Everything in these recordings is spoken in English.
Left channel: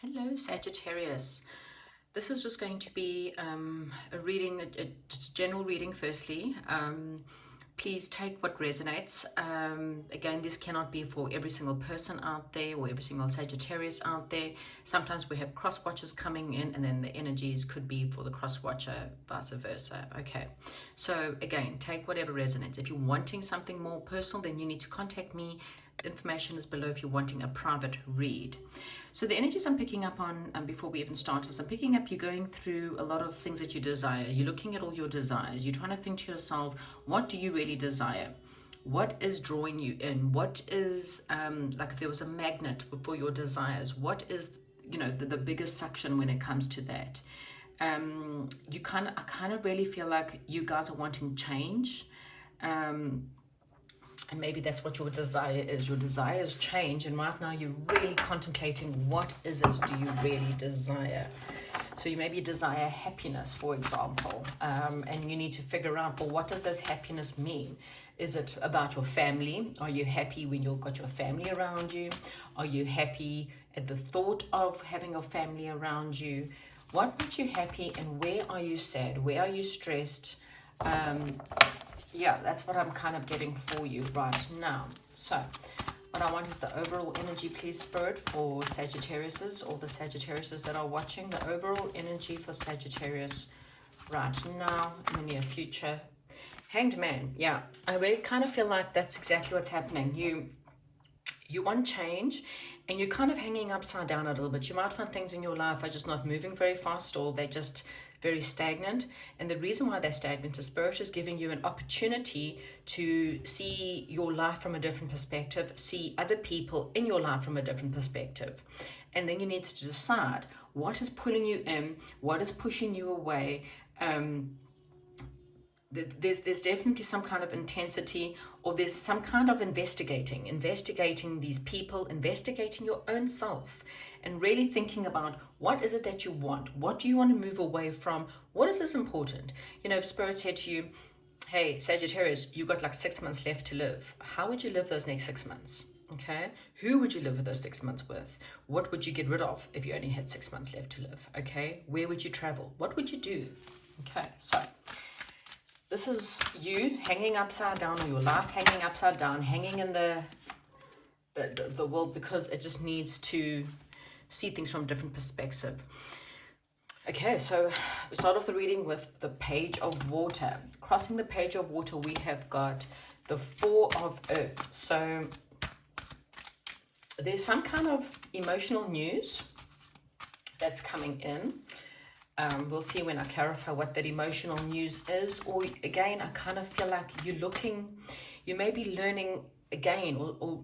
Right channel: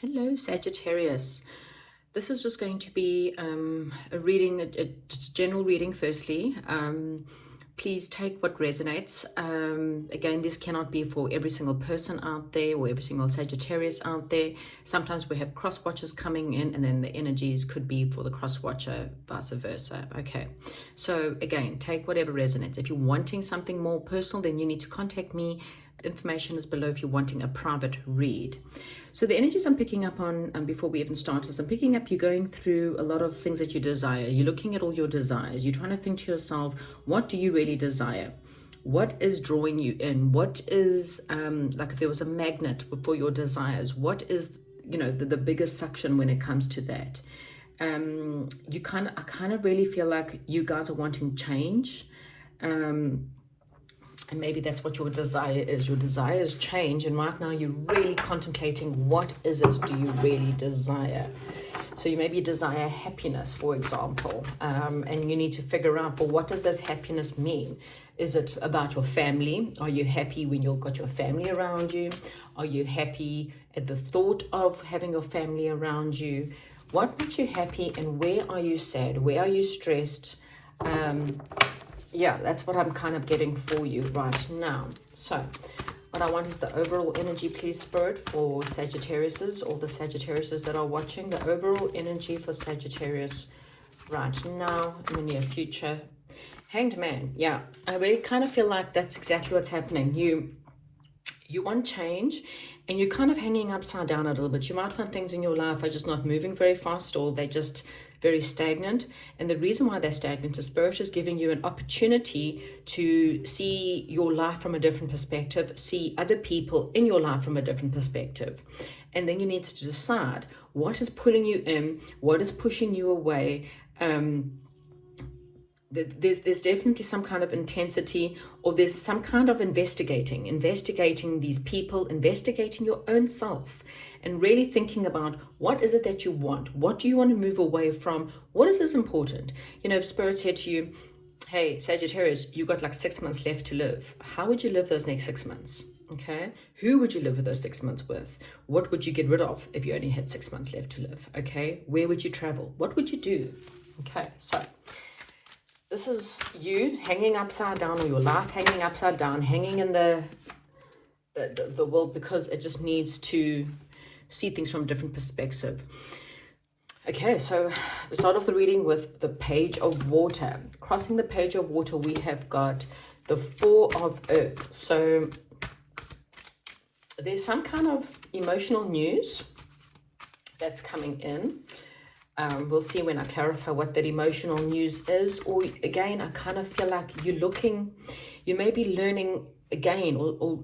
Hello, Sagittarius. This is just going to be a reading, just a general reading firstly. Please take what resonates. Again, this cannot be for every single person out there or every single Sagittarius out there. Sometimes we have cross watchers coming in and then the energies could be for the cross watcher, vice versa. Okay, so again, take whatever resonates. If you're wanting something more personal, then you need to contact me. The information is below if you're wanting a private read. So the energies I'm picking up on before we even start is I'm picking up you're going through a lot of things that you desire. You're looking at all your desires. You're trying to think to yourself, what do you really desire? What is drawing you in? What is, like if there was a magnet for your desires, what is, the biggest suction when it comes to that? I kind of really feel like you guys are wanting change. And maybe that's what your desire is. Your desires change, and right now you're really contemplating what is it do you really desire. So you maybe desire happiness, for example, and you need to figure out, well, what does this happiness mean? Is it about your family? Are you happy when you've got your family around you? Are you happy at the thought of having your family around you? What makes you happy, and where are you sad? Where are you stressed? Yeah, that's what I'm kind of getting for you right now. So what I want is the overall energy, please, Spirit, for Sagittariuses, or the Sagittariuses that are watching. The overall energy for Sagittarius right now in the near future. Hanged Man. Yeah, I really kind of feel like that's exactly what's happening. You want change, and you're kind of hanging upside down a little bit. You might find things in your life are just not moving very fast, or they're just very stagnant. And the reason why they're stagnant is Spirit is giving you an opportunity to see your life from a different perspective, see other people in your life from a different perspective. And then you need to decide what is pulling you in, what is pushing you away. There's definitely some kind of intensity, or there's some kind of investigating these people, investigating your own self, and really thinking about what is it that you want? What do you want to move away from? What is this important? If Spirit said to you, hey, Sagittarius, you got like 6 months left to live. How would you live those next 6 months? Okay. Who would you live with those 6 months with? What would you get rid of if you only had 6 months left to live? Okay. Where would you travel? What would you do? Okay. So this is you hanging upside down, or your life hanging upside down, hanging in the world, because it just needs to see things from a different perspective. Okay, so we start off the reading with the Page of Water. Crossing the Page of Water, we have got the Four of Earth. So there's some kind of emotional news that's coming in. We'll see when I clarify what that emotional news is. Or again, I kind of feel like you may be learning again, or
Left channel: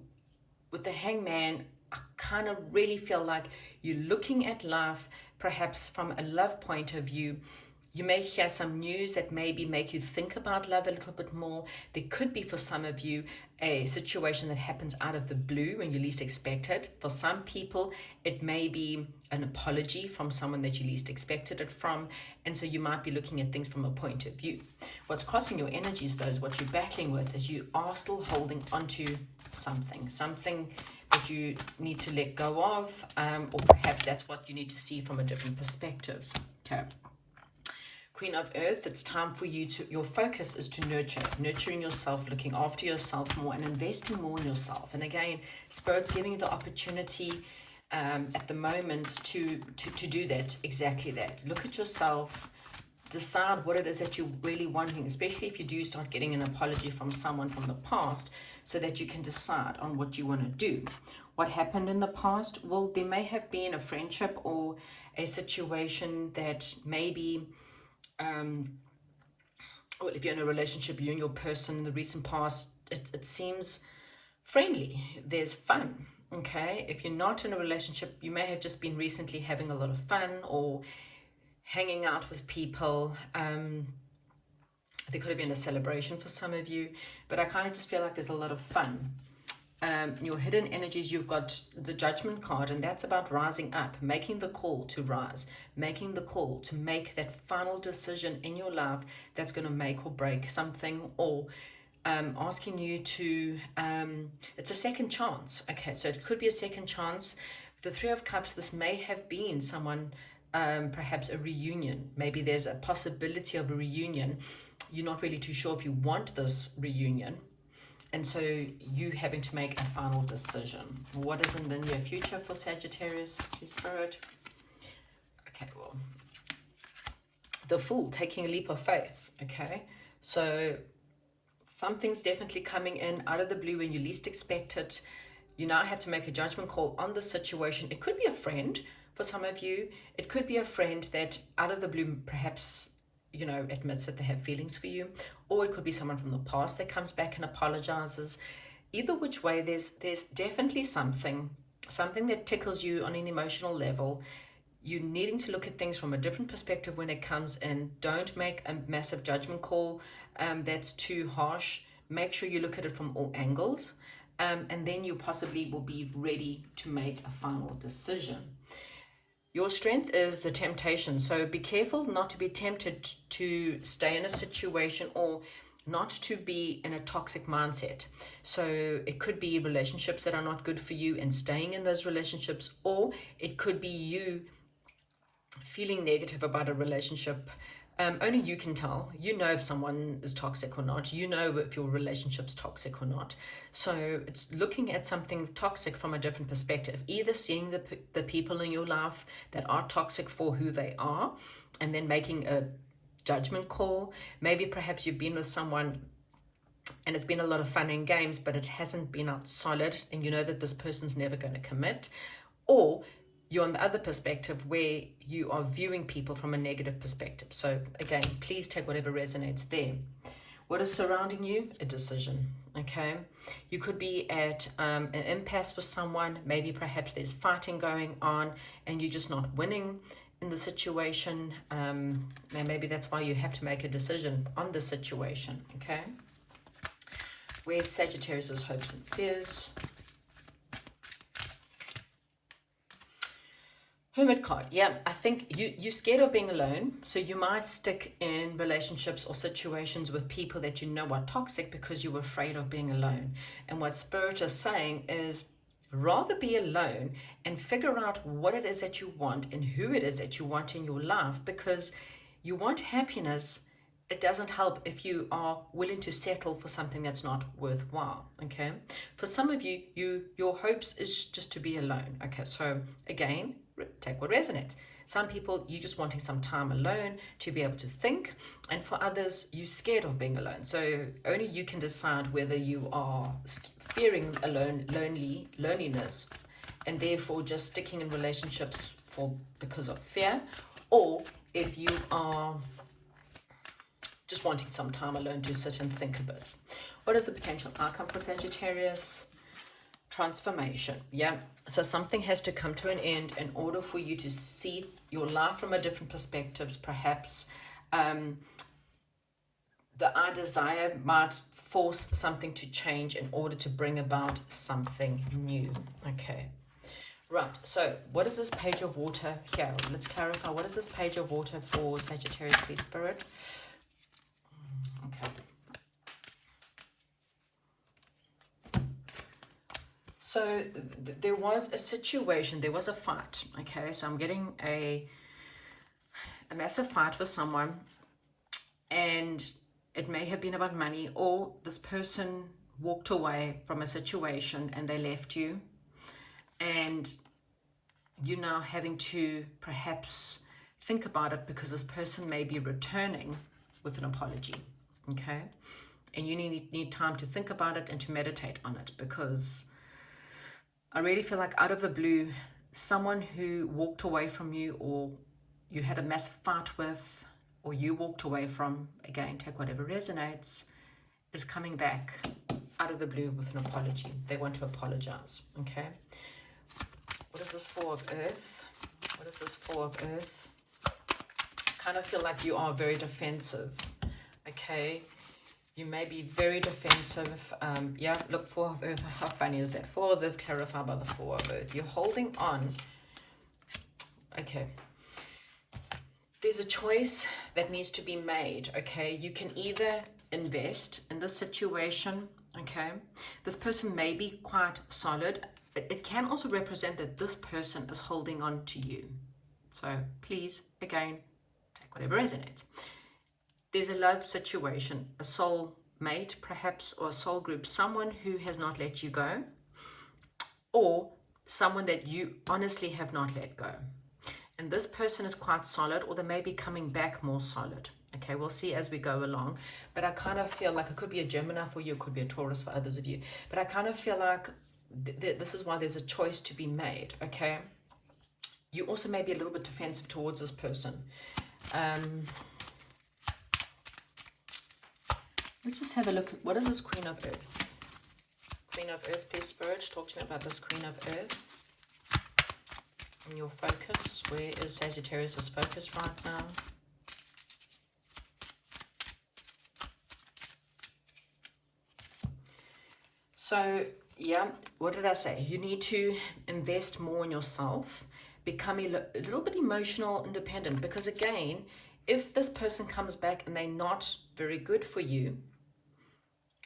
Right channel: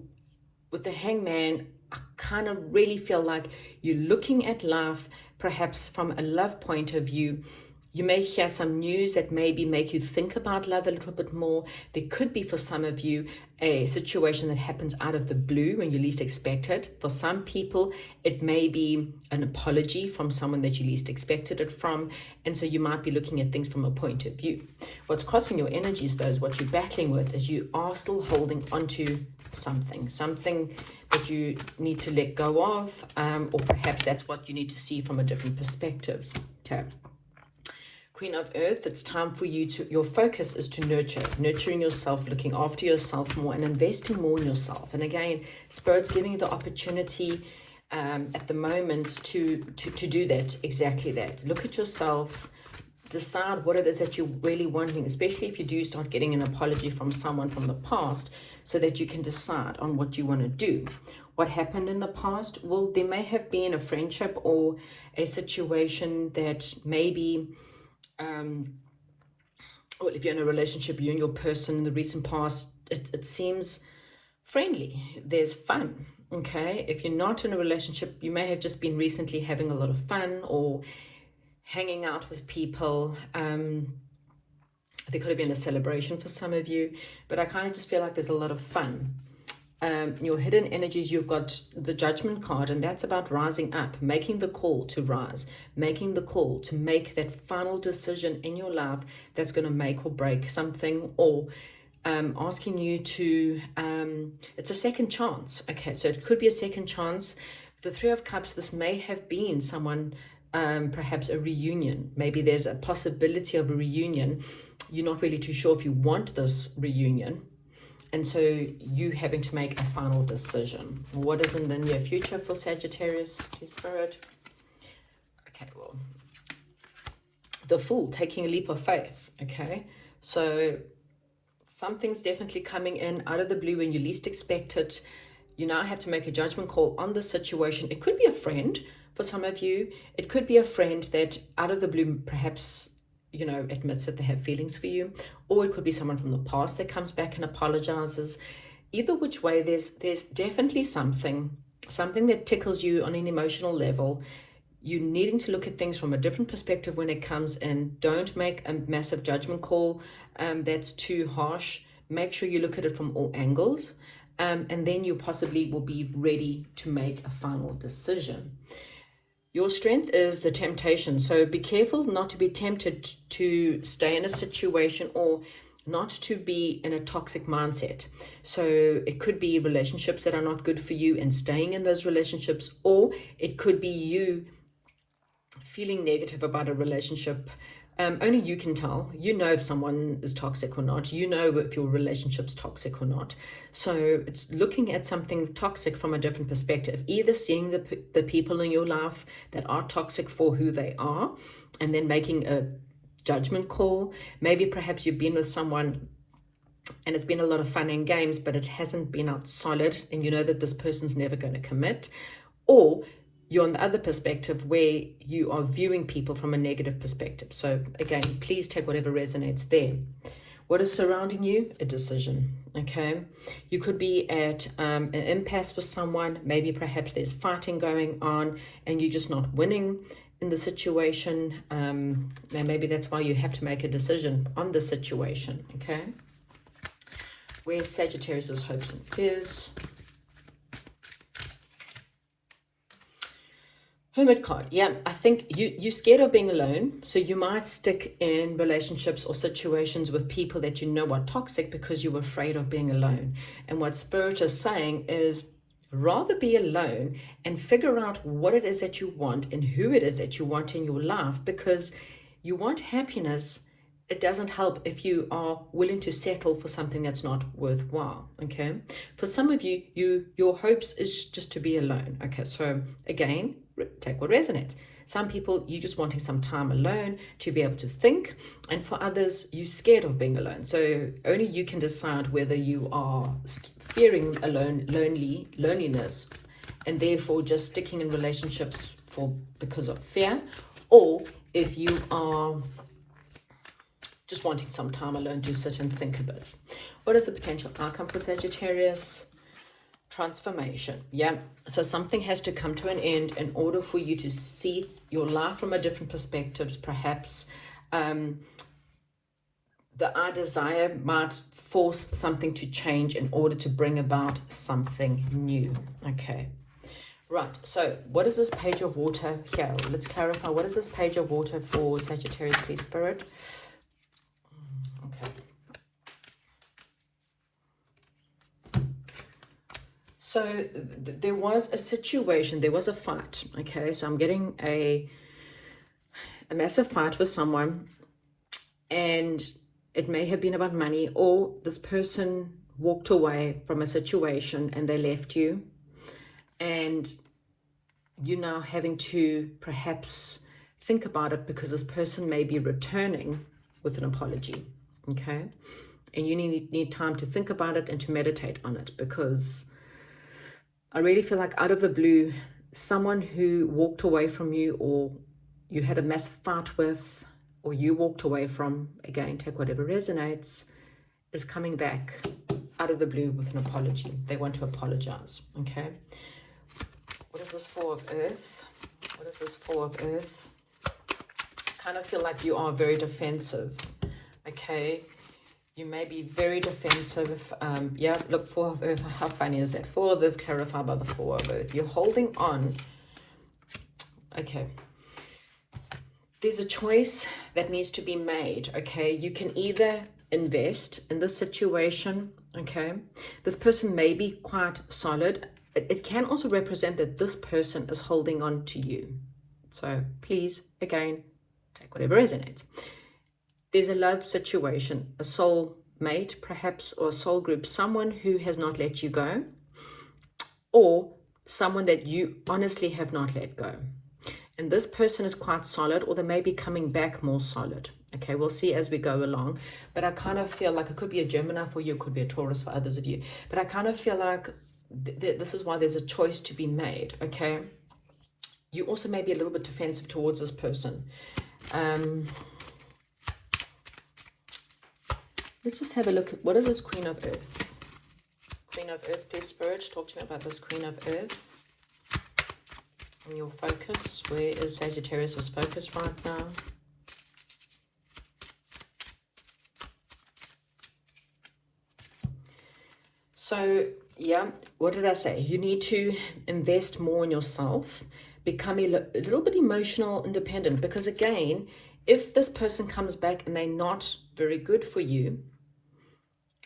with the Hangman, I kind of really feel like you're looking at life perhaps from a love point of view. You may hear some news that maybe make you think about love a little bit more. There could be, for some of you, a situation that happens out of the blue when you least expect it. For some people, it may be an apology from someone that you least expected it from. And so you might be looking at things from a point of view. What's crossing your energies, though, is what you're battling with, is you are still holding onto something that you need to let go of, or perhaps that's what you need to see from a different perspective. Okay. Queen of Earth, it's time for you your focus is to nurturing yourself, looking after yourself more, and investing more in yourself. And again, Spirit's giving you the opportunity at the moment to do that, exactly that. Look at yourself, decide what it is that you're really wanting, especially if you do start getting an apology from someone from the past, so that you can decide on what you want to do. What happened in the past? Well, there may have been a friendship or a situation that maybe, well, if you're in a relationship, you and your person in the recent past, it seems friendly. There's fun, okay? If you're not in a relationship, you may have just been recently having a lot of fun or hanging out with people. There could have been a celebration for some of you, but I kind of just feel like there's a lot of fun. Your hidden energies, you've got the Judgment card, and that's about rising up, making the call to rise, making the call to make that final decision in your life that's going to make or break something, or asking you to, it's a second chance. Okay, so it could be a second chance the Three of Cups, this may have been someone, perhaps a reunion. Maybe there's a possibility of a reunion. You're not really too sure if you want this reunion. And so you having to make a final decision. What is in the near future for Sagittarius, please, Spirit? Okay, well, the Fool, taking a leap of faith, okay? So something's definitely coming in out of the blue when you least expect it. You now have to make a judgment call on the situation. It could be a friend for some of you. It could be a friend that out of the blue perhaps, you know, admits that they have feelings for you. Or it could be someone from the past that comes back and apologizes. Either which way, there's definitely something that tickles you on an emotional level. You needing to look at things from a different perspective when it comes in. Don't make a massive judgment call that's too harsh. Make sure you look at it from all angles. And then you possibly will be ready to make a final decision. Your strength is the temptation. So be careful not to be tempted to stay in a situation or not to be in a toxic mindset. So it could be relationships that are not good for you and staying in those relationships, or it could be you feeling negative about a relationship. Only you can tell. You know if someone is toxic or not. You know if your relationship's toxic or not. So it's looking at something toxic from a different perspective. Either seeing the people in your life that are toxic for who they are, and then making a judgment call. Maybe perhaps you've been with someone and it's been a lot of fun and games, but it hasn't been out solid, and you know that this person's never going to commit. Or you're on the other perspective where you are viewing people from a negative perspective. So again, please take whatever resonates there. What is surrounding you? A decision, okay? You could be at an impasse with someone. Maybe perhaps there's fighting going on and you're just not winning in the situation. And maybe that's why you have to make a decision on the situation, okay? Where's Sagittarius' hopes and fears? Hermit card. Yeah, I think you're scared of being alone. So you might stick in relationships or situations with people that you know are toxic because you're afraid of being alone. And what Spirit is saying is rather be alone and figure out what it is that you want and who it is that you want in your life, because you want happiness. It doesn't help if you are willing to settle for something that's not worthwhile, okay? For some of you, your hopes is just to be alone, okay? So again, take what resonates. Some people, you're just wanting some time alone to be able to think, and for others, you're scared of being alone. So only you can decide whether you are fearing loneliness, and therefore just sticking in relationships because of fear, or if you are just wanting some time alone to sit and think a bit. What is the potential outcome for Sagittarius? Transformation. Yeah, so something has to come to an end in order for you to see your life from a different perspective. Perhaps the I desire might force something to change in order to bring about something new. Okay, right, so what is this page of water here? Let's clarify. What is this page of water for Sagittarius, please, Spirit? Okay. So there was a situation, there was a fight, okay? So I'm getting a massive fight with someone, and it may have been about money, or this person walked away from a situation and they left you, and you're now having to perhaps think about it because this person may be returning with an apology, okay? And you need time to think about it and to meditate on it, because I really feel like out of the blue, someone who walked away from you, or you had a massive fight with, or you walked away from, again, take whatever resonates, is coming back out of the blue with an apology. They want to apologize, okay? What is this Four of Earth? What is this Four of Earth? I kind of feel like you are very defensive, okay? You may be very defensive. Yeah, look, Four of Earth. How funny is that? Four of Earth clarified by the Four of Earth. You're holding on. Okay. There's a choice that needs to be made, okay? You can either invest in this situation, okay? This person may be quite solid. it can also represent that this person is holding on to you. So please, again, take whatever resonates. There's a love situation, a soul mate perhaps, or a soul group, someone who has not let you go, or someone that you honestly have not let go. And this person is quite solid, or they may be coming back more solid. Okay, we'll see as we go along. But I kind of feel like it could be a Gemini for you, it could be a Taurus for others of you. But I kind of feel like this is why there's a choice to be made, okay? You also may be a little bit defensive towards this person. Let's just have a look at, what is this Queen of Earth? Queen of Earth, please, Spirit, talk to me about this Queen of Earth. And your focus, where is Sagittarius' focus right now? So, yeah, what did I say? You need to invest more in yourself, become a little bit emotional independent, because again, if this person comes back and they're not very good for you,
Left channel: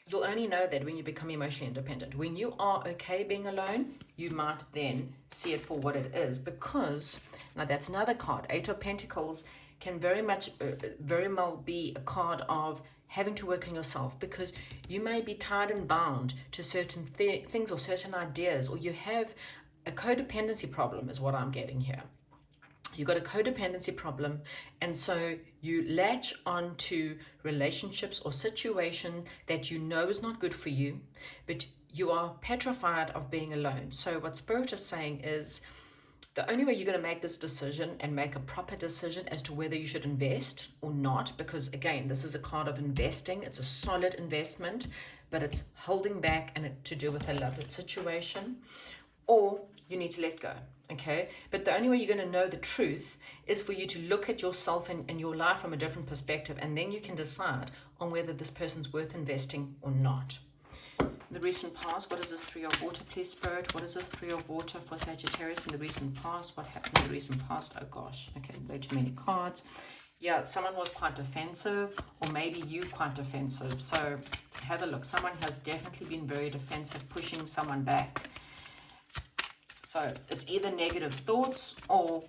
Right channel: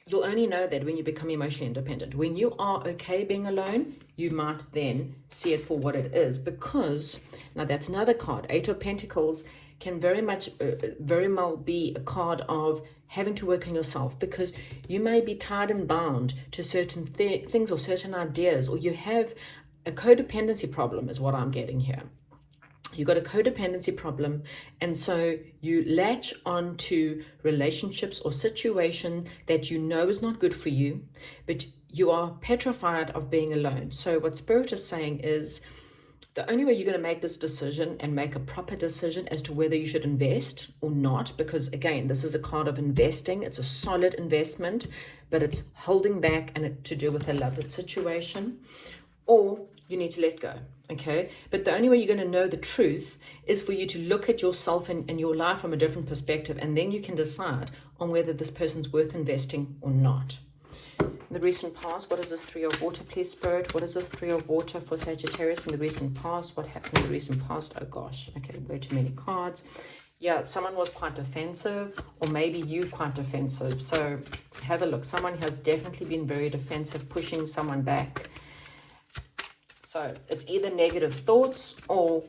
you'll only know that when you become emotionally independent. When you are okay being alone, you might then see it for what it is, because now that's another card. Eight of Pentacles can very well be a card of having to work on yourself, because you may be tied and bound to certain things or certain ideas, or you have a codependency problem is what I'm getting here. You got a codependency problem, and so you latch on to relationships or situation that you know is not good for you, but you are petrified of being alone. So what Spirit is saying is the only way you're going to make this decision and make a proper decision as to whether you should invest or not, because again, this is a card of investing. It's a solid investment, but it's holding back and to do with a loved situation, or you need to let go. Okay, but the only way you're going to know the truth is for you to look at yourself and your life from a different perspective, and then you can decide on whether this person's worth investing or not. In the recent past, what is this Three of Water, please, Spirit? What is this Three of Water for Sagittarius in the recent past? What happened in the recent past? Oh gosh, okay, way too many cards. Yeah, someone was quite defensive, or maybe you quite defensive. So have a look. Someone has definitely been very defensive, pushing someone back. So it's either negative thoughts or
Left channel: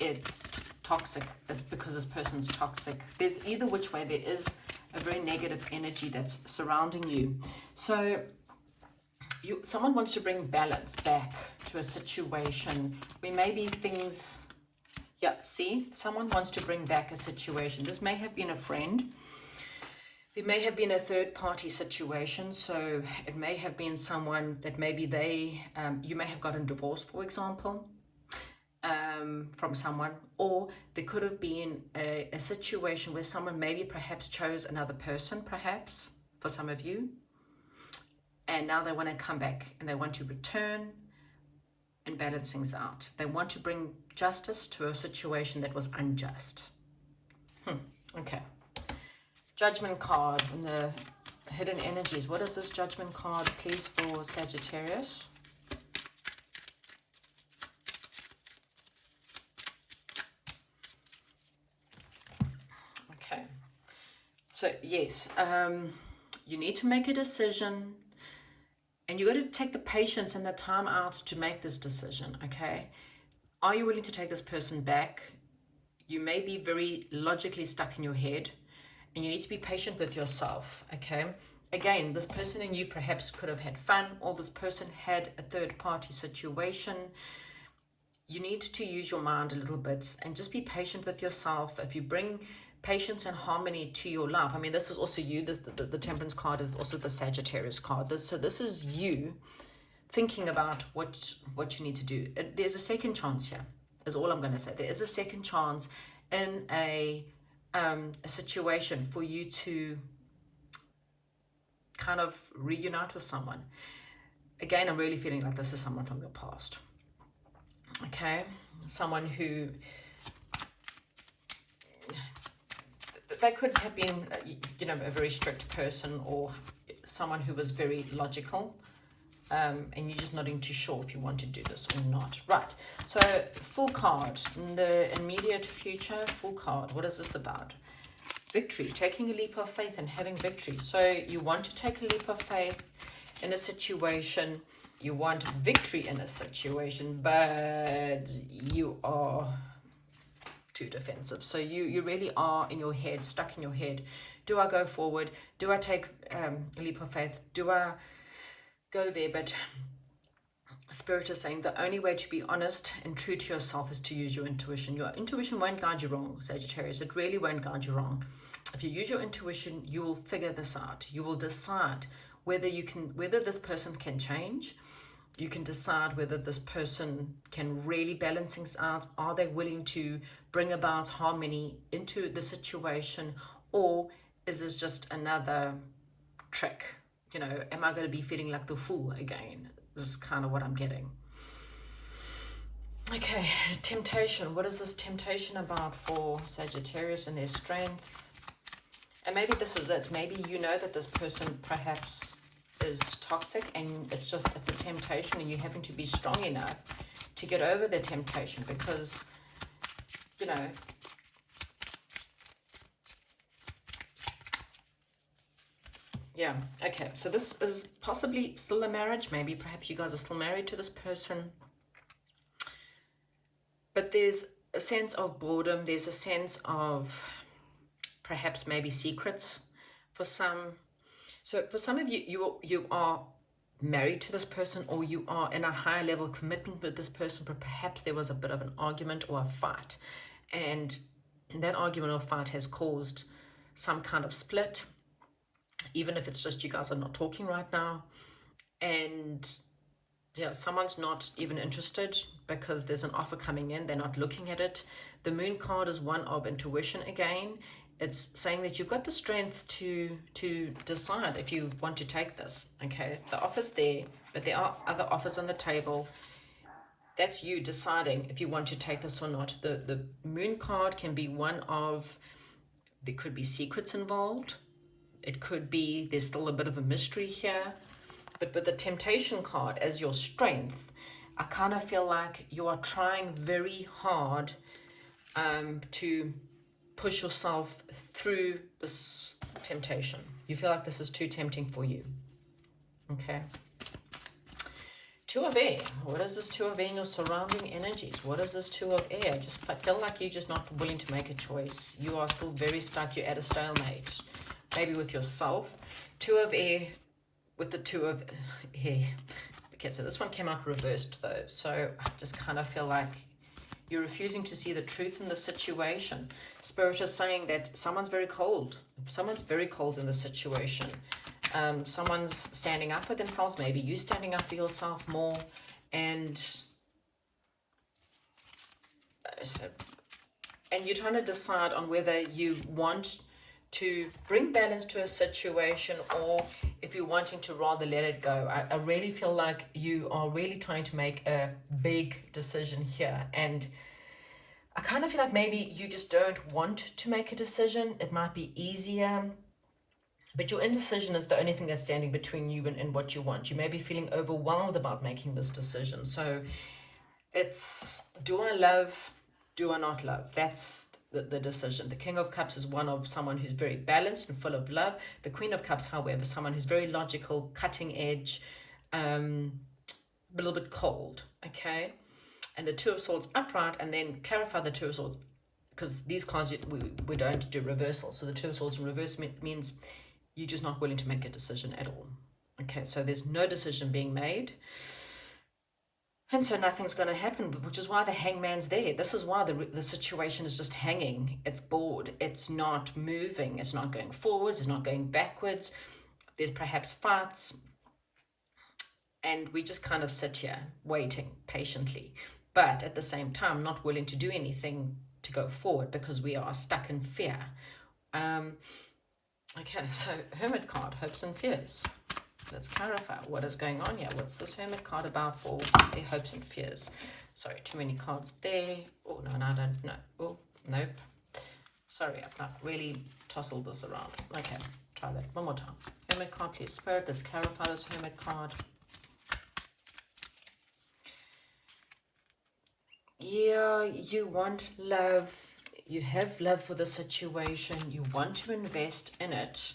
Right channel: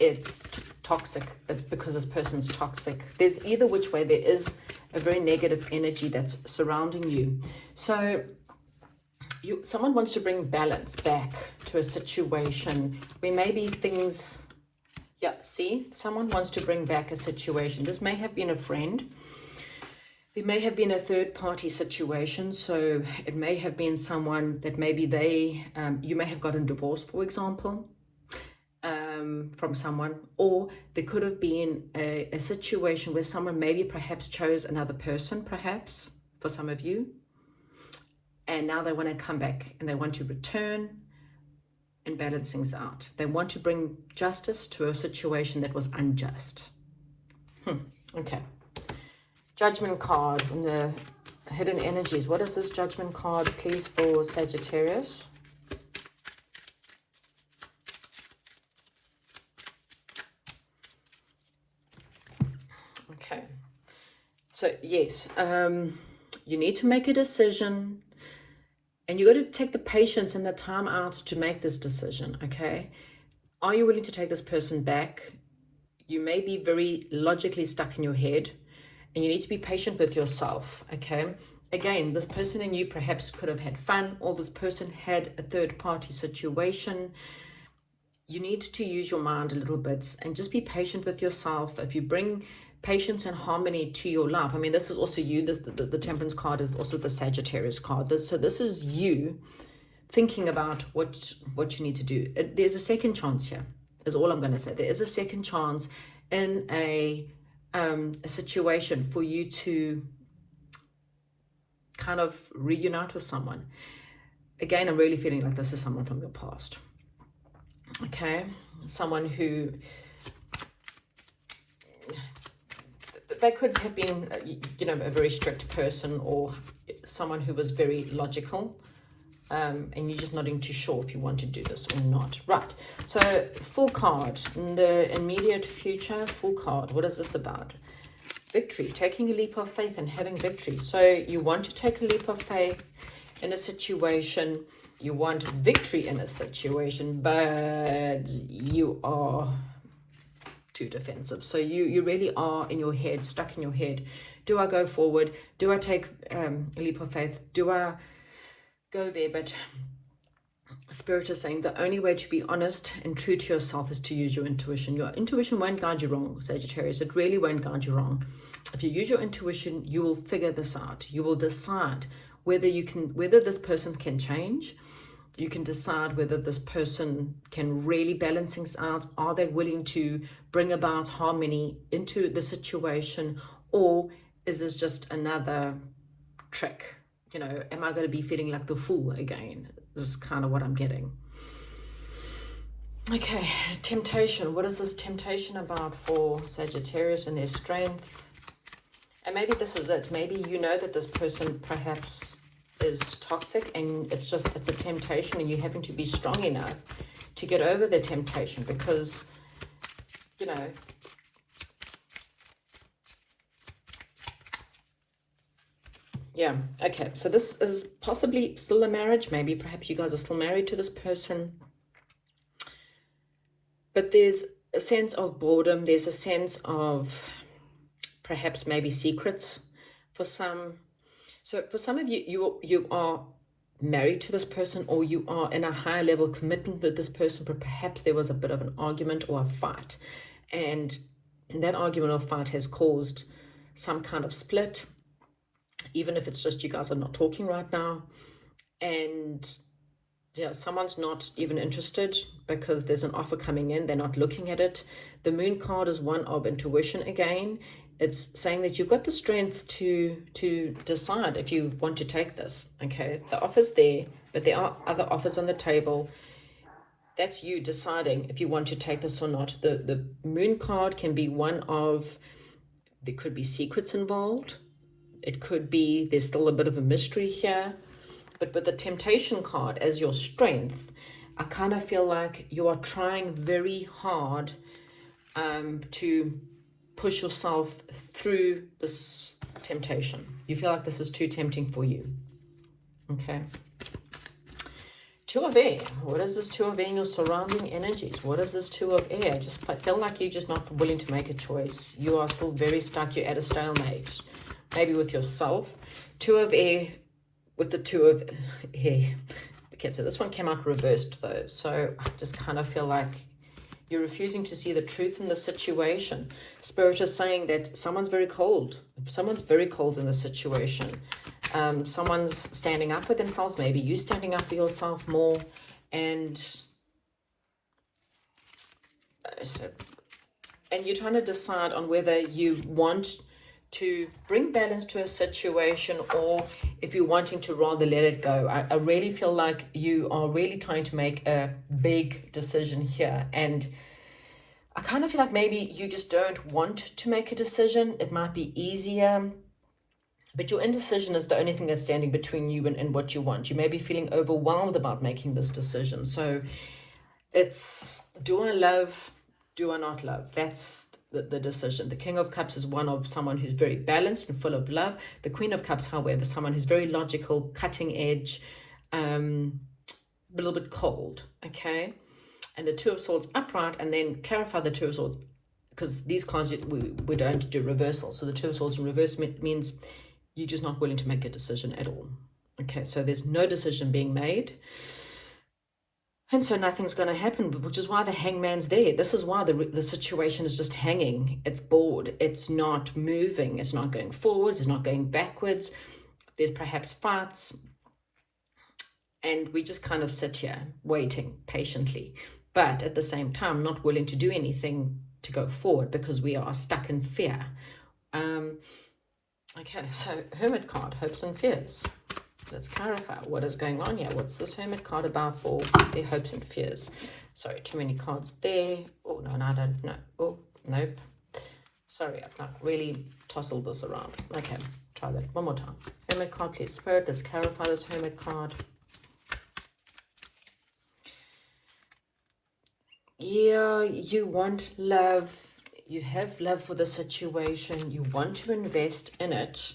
it's toxic, because this person's toxic. There's either which way. There is a very negative energy that's surrounding you. So someone wants to bring balance back to a situation where maybe things, yeah, see, someone wants to bring back a situation. This may have been a friend. There may have been a third-party situation, so it may have been someone that maybe you may have gotten divorced, for example, from someone, or there could have been a situation where someone maybe perhaps chose another person, perhaps, for some of you, and now they want to come back and they want to return and balance things out. They want to bring justice to a situation that was unjust. Okay. Judgment card and the hidden energies. What is this Judgment card, please, for Sagittarius? Okay. So, yes, you need to make a decision, and you got to take the patience and the time out to make this decision, okay? Are you willing to take this person back? You may be very logically stuck in your head, and you need to be patient with yourself, okay? Again, this person and you perhaps could have had fun, or this person had a third-party situation. You need to use your mind a little bit and just be patient with yourself. If you bring patience and harmony to your life, I mean, this is also you. The Temperance card is also the Sagittarius card. So this is you thinking about what you need to do. There's a second chance here, is all I'm going to say. There is a second chance in a situation for you to kind of reunite with someone. Again, I'm really feeling like this is someone from your past. Okay, someone who, they could have been, you know, a very strict person, or someone who was very logical, and you're just not too sure if you want to do this or not. Right, so full card in the immediate future. Full card, what is this about? Victory, taking a leap of faith and having victory. So you want to take a leap of faith in a situation You want victory in a situation, but you are too defensive. So you really are in your head, stuck in your head. Do I go forward? Do I take a leap of faith? Do I go there? But Spirit is saying the only way to be honest and true to yourself is to use your intuition. Your intuition won't guide you wrong, Sagittarius. It really won't guide you wrong. If you use your intuition, you will figure this out. You will decide whether this person can change. You can decide whether this person can really balance things out. Are they willing to bring about harmony into the situation, or is this just another trick? You know, am I going to be feeling like the fool again? This is kind of what I'm getting. Okay, temptation. What is this temptation about for Sagittarius and their strength? And maybe this is it. Maybe you know that this person perhaps is toxic, and it's a temptation, and you're having to be strong enough to get over the temptation, because, you know, yeah, okay, so this is possibly still a marriage. Maybe perhaps you guys are still married to this person, but there's a sense of boredom. There's a sense of perhaps maybe secrets for some. So for some of you, you are married to this person, or you are in a high level commitment with this person, but perhaps there was a bit of an argument or a fight, and that argument or fight has caused some kind of split, even if it's just you guys are not talking right now. And yeah, someone's not even interested because there's an offer coming in. They're not looking at it. The moon card is one of intuition again. It's saying that you've got the strength to decide if you want to take this. Okay, the offer's there, but there are other offers on the table. That's you deciding if you want to take this or not. The moon card can be one of, there could be secrets involved. It could be there's still a bit of a mystery here. But with the temptation card as your strength, I kind of feel like you are trying very hard to push yourself through this temptation. You feel like this is too tempting for you. Okay. Two of air. What is this two of air in your surrounding energies? What is this two of air? I just feel like you're just not willing to make a choice. You are still very stuck. You're at a stalemate. Maybe with yourself. Two of air with the two of air. Okay, so this one came out reversed though. So I just kind of feel like you're refusing to see the truth in the situation. Spirit is saying that someone's very cold. Someone's very cold in the situation. Someone's standing up for themselves. Maybe you standing up for yourself more. And you're trying to decide on whether you want to bring balance to a situation, or if you're wanting to rather let it go. I really feel like you are really trying to make a big decision here, and I kind of feel like maybe you just don't want to make a decision. It might be easier, but your indecision is the only thing that's standing between you and what you want. You may be feeling overwhelmed about making this decision. So it's, do I love, do I not love? That's the decision. The King of Cups is one of someone who's very balanced and full of love. The Queen of Cups, however, someone who's very logical, cutting edge, a little bit cold, okay? And the Two of Swords upright, and then clarify the Two of Swords, because these cards, we don't do reversal. So the Two of Swords in reverse means you're just not willing to make a decision at all. Okay, so there's no decision being made. And so nothing's going to happen, which is why the Hangman's there. This is why the situation is just hanging. It's bored. It's not moving. It's not going forwards. It's not going backwards. There's perhaps fights. And we just kind of sit here waiting patiently. But at the same time, not willing to do anything to go forward because we are stuck in fear. Okay, so Hermit card, hopes and fears. Let's clarify what is going on here. What's this Hermit card about for their hopes and fears? Sorry, too many cards there. Oh, no, I don't know. Oh, nope. Sorry, I've not really tousled this around. Okay, try that one more time. Hermit card, please, Spirit. Let's clarify this Hermit card. Yeah, you want love. You have love for the situation. You want to invest in it.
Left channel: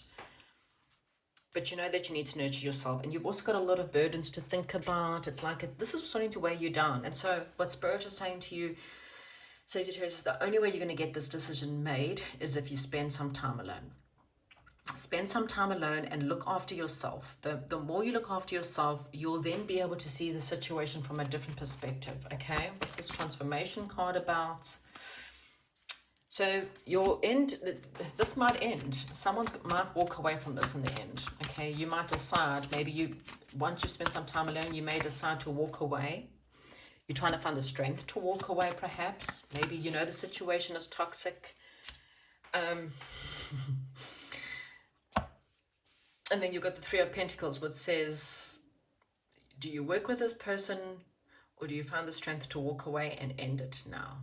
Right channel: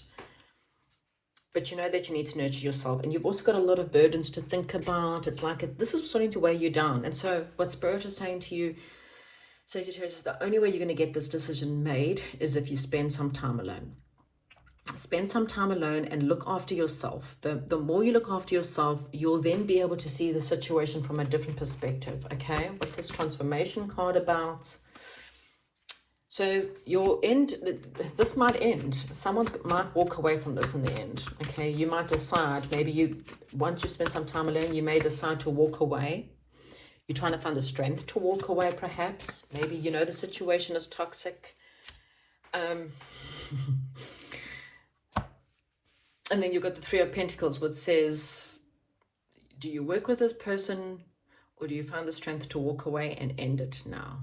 but you know that you need to nurture yourself, and you've also got a lot of burdens to think about. It's like this is starting to weigh you down. And so what Spirit is saying to you, Sagittarius, is the only way you're going to get this decision made is if you spend some time alone. Spend some time alone and look after yourself. The more you look after yourself, you'll then be able to see the situation from a different perspective. Okay, what's this transformation card about? So your end, this might end. Someone might walk away from this in the end. Okay, you might decide, maybe once you spend some time alone, you may decide to walk away. You're trying to find the strength to walk away, perhaps. Maybe you know the situation is toxic. And then you've got the Three of Pentacles, which says, do you work with this person, or do you find the strength to walk away and end it now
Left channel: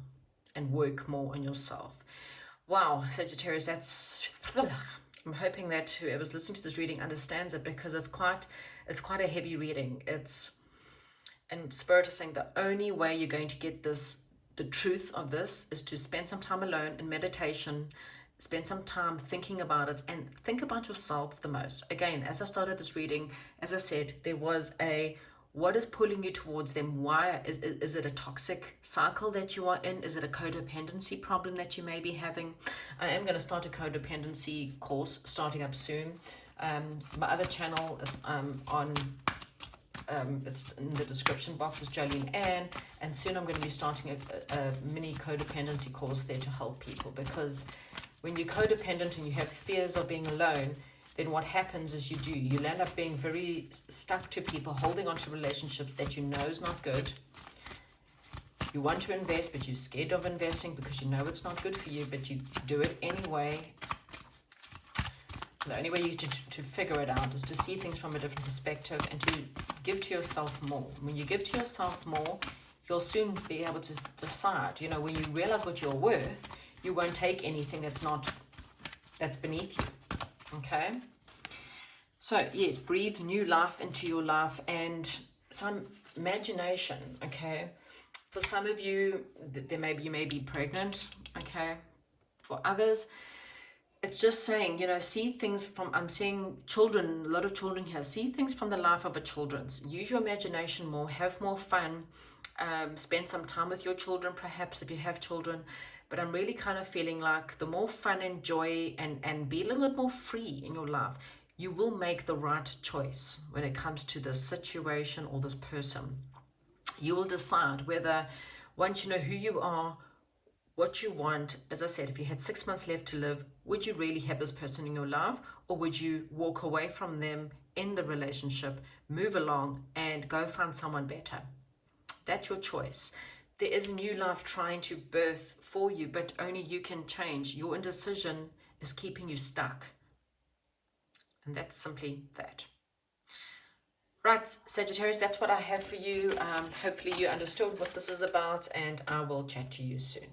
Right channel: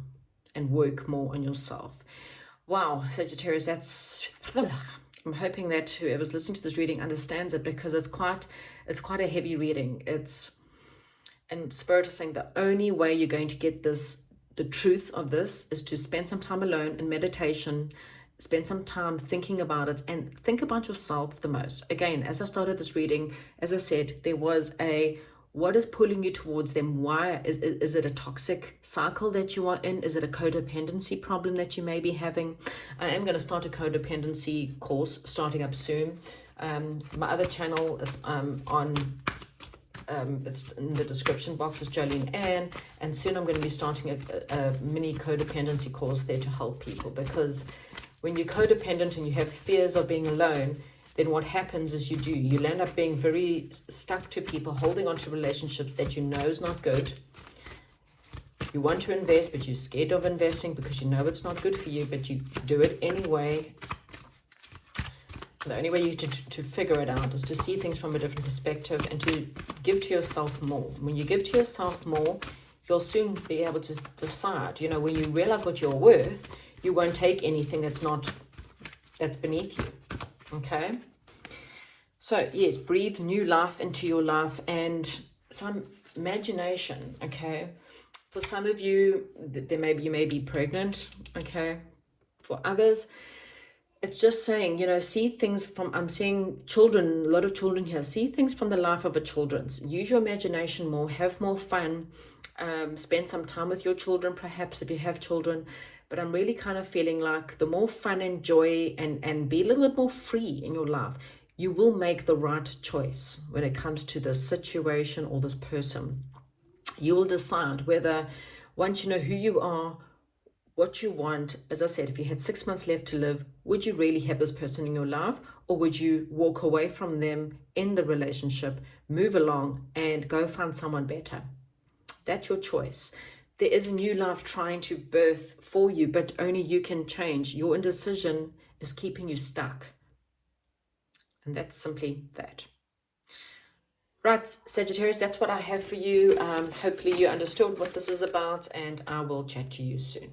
and work more on yourself? Wow, Sagittarius, that's... I'm hoping that whoever's listening to this reading understands it, because it's quite a heavy reading. And Spirit is saying the only way you're going to get the truth of this, is to spend some time alone in meditation, spend some time thinking about it, and think about yourself the most. Again, as I started this reading, as I said, there was what is pulling you towards them? Why? Is it a toxic cycle that you are in? Is it a codependency problem that you may be having? I am going to start a codependency course starting up soon. My other channel, it's it's in the description box, is Jolene Ann, and soon I'm going to be starting a mini codependency course there to help people, because when you're codependent and you have fears of being alone, then what happens is you end up being very stuck to people, holding on to relationships that you know is not good. You want to invest, but you're scared of investing because you know it's not good for you, but you do it anyway. The only way to figure it out is to see things from a different perspective and to give to yourself more. When you give to yourself more, you'll soon be able to decide. You know, when you realize what you're worth, you won't take anything that's beneath you. Okay? So, yes, breathe new life into your life and some imagination, okay? For some of you, you may be pregnant, okay? For others, it's just saying, you know, see things from, I'm seeing children, a lot of children here, see things from the life of a children's. Use your imagination more, have more fun, spend some time with your children, perhaps, if you have children. But I'm really kind of feeling like the more fun and joy and be a little bit more free in your life, you will make the right choice when it comes to this situation or this person. You will decide whether, once you know who you are, what you want, as I said, if you had 6 months left to live, would you really have this person in your life, or would you walk away from them in the relationship, move along and go find someone better? That's your choice. There is a new life trying to birth for you, but only you can change. Your indecision is keeping you stuck. And that's simply that. Right, Sagittarius, that's what I have for you. Hopefully you understood what this is about, and I will chat to you soon.